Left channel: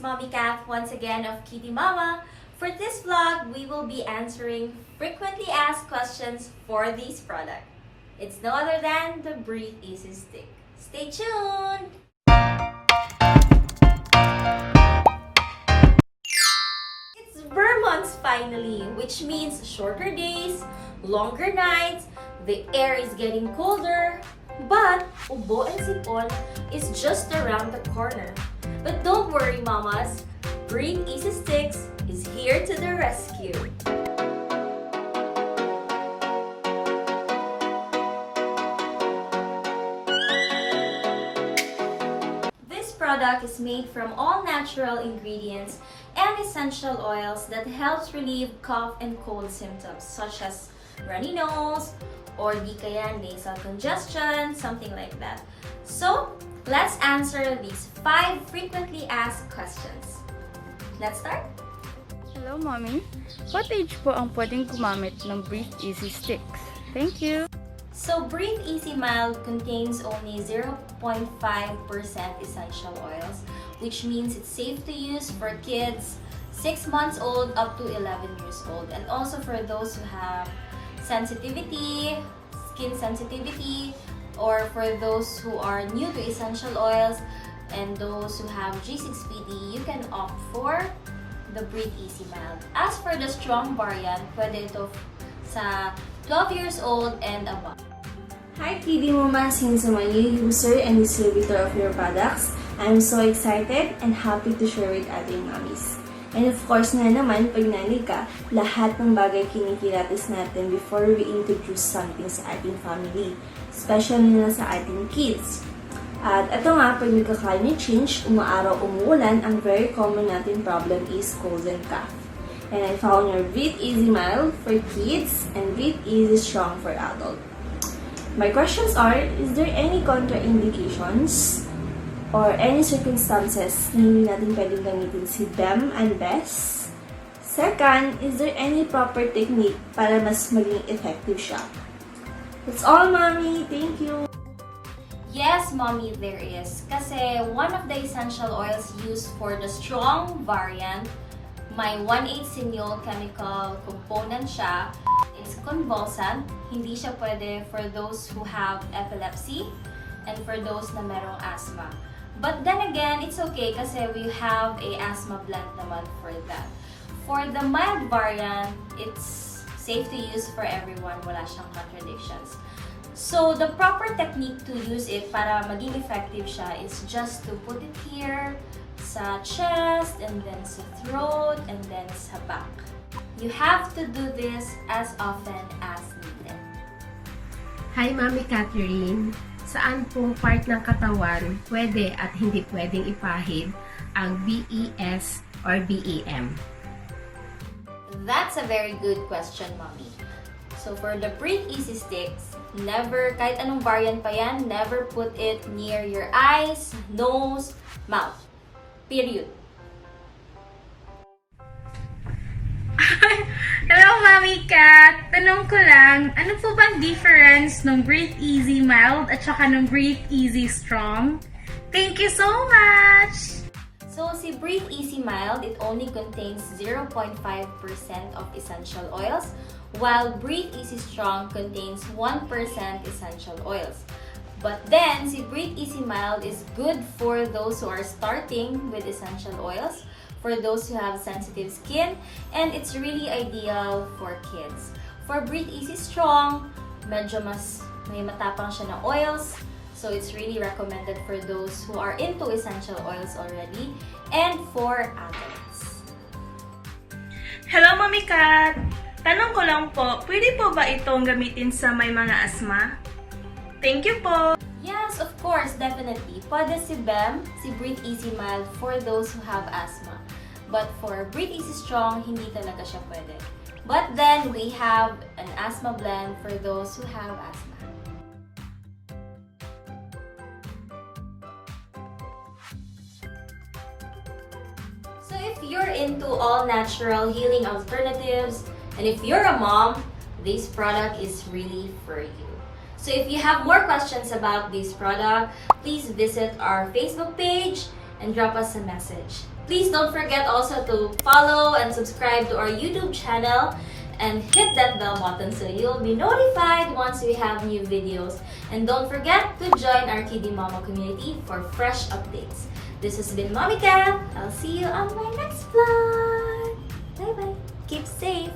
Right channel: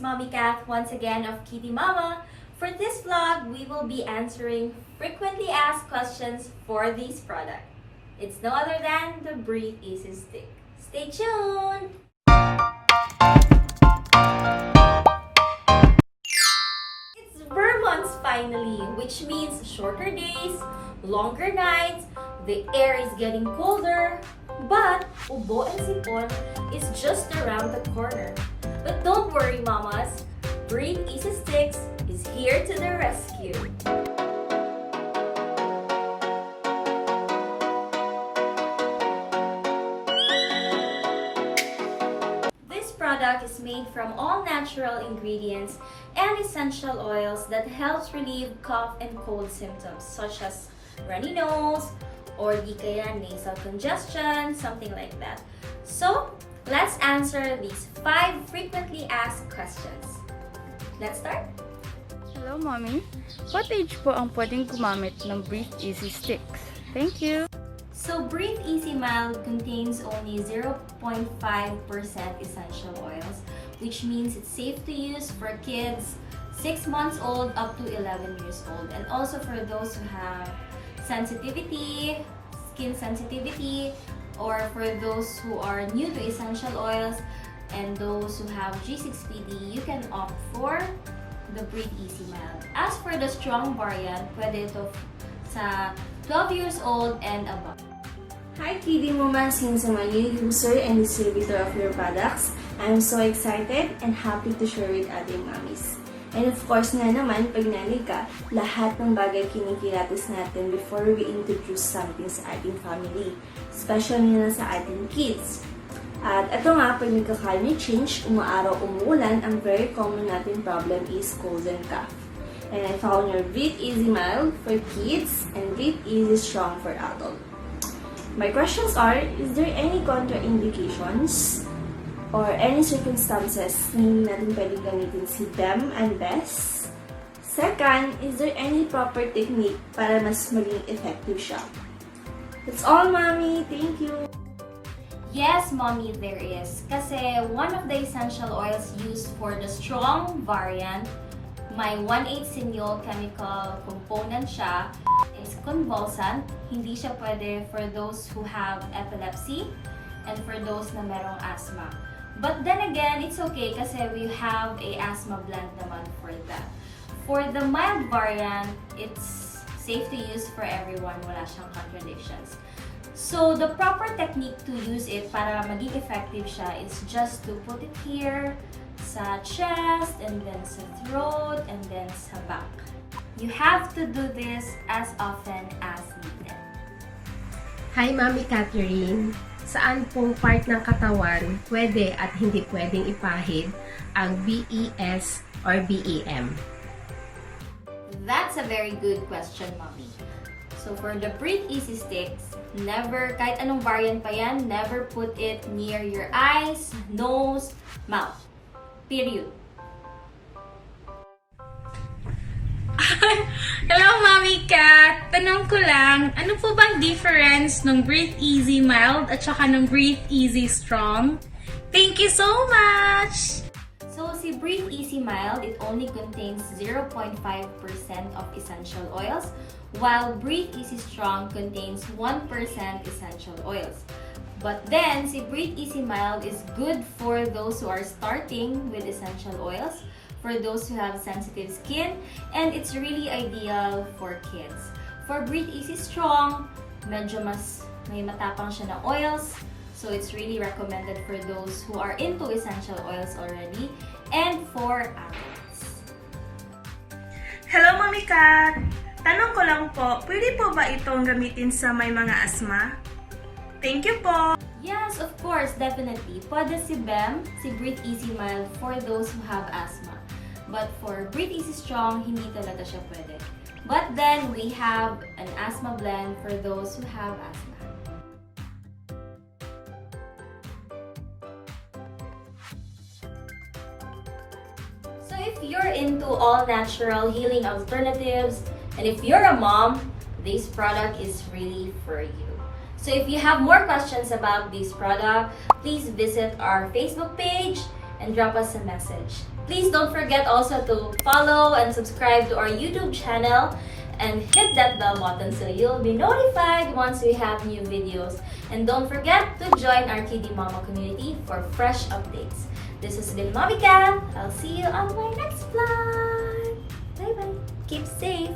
it's Mommy Kath once again of Kiddie Momma. For this vlog, we will be answering frequently asked questions for this product. It's no other than the Breathe Easy Stick. Stay tuned! It's Vermont's finally, which means shorter days, longer nights, the air is getting colder, but ubo and sipon is just around the corner. But don't worry, mamas, Breathe Easy Sticks is here to the rescue. This product is made from all natural ingredients and essential oils that helps relieve cough and cold symptoms such as runny nose or di kaya nasal congestion, something like that. So, let's answer these 5 frequently asked questions. Let's start. Hello, Mommy. What age po ang pwedeng gumamit ng Breathe Easy Sticks? Thank you! So, Breathe Easy Mild contains only 0.5% essential oils, which means it's safe to use for kids 6 months old up to 11 years old, and also for those who have sensitivity, skin sensitivity, or for those who are new to essential oils and those who have G6PD, you can opt for the Breathe Easy Mild. As for the strong variant, pwede ito sa 12 years old and above. Hi Kiddie Momma! Since I'm a new user and distributor of your products, I'm so excited and happy to share with other mommies. And of course nga naman, pag nanay ka, lahat ng bagay kinikiratis natin before we introduce something sa ating family, especially na sa ating kids. At ito nga, pag nagka-climate change, umaaraw, umuulan, ang very common natin problem is cold and cough. And I found your Breathe Easy Mild for kids and Breathe Easy Strong for adult. My questions are, is there any contraindications or any circumstances na hindi natin pwedeng gamitin si them and best? Second, is there any proper technique para mas maging effective siya? That's all, Mommy. Thank you. Yes, Mommy, there is. Kasi one of the essential oils used for the strong variant, may 1,8 sinyl chemical component siya. It's convulsant. Hindi siya pwede for those who have epilepsy and for those na merong asthma. But then again, it's okay kasi we have a asthma blend naman for that. For the mild variant, it's safe to use for everyone. Wala siyang contradictions. So, the proper technique to use it para maging effective siya is just to put it here sa chest, and then sa throat, and then sa back. You have to do this as often as needed. Hi, Mami Catherine! Saan pong part ng katawan pwede at hindi pwedeng ipahid ang BES or BEM? That's a very good question, Mommy. So for the Breathe Easy Sticks, never, kahit anong variant pa yan, never put it near your eyes, nose, mouth. Period. Hello, Mommy Kat! Tanong ko lang, ano po bang difference ng Breathe Easy Mild at saka ng Breathe Easy Strong? Thank you so much! So, si Breathe Easy Mild, it only contains 0.5% of essential oils, while Breathe Easy Strong contains 1% essential oils. But then, si Breathe Easy Mild is good for those who are starting with essential oils, for those who have sensitive skin, and it's really ideal for kids. For Breathe Easy Strong, medyo mas may matapang siya na oils, so it's really recommended for those who are into essential oils already, and for adults. Hello, Mommy Kat! Tanong ko lang po, pwede po ba itong gamitin sa may mga asthma? Thank you po! Yes, of course, definitely. Pwede si BEM, si Breathe Easy Mild for those who have asthma. But for Breathe Easy Strong, hindi talaga siya pwede. But then, we have an asthma blend for those who have asthma. So if you're into all-natural healing alternatives, and if you're a mom, this product is really for you. So if you have more questions about this product, please visit our Facebook page and drop us a message. Please don't forget also to follow and subscribe to our YouTube channel and hit that bell button so you'll be notified once we have new videos. And don't forget to join our Kiddie Momma community for fresh updates. This has been Mommy Cat. I'll see you on my next vlog. Bye bye. Keep safe.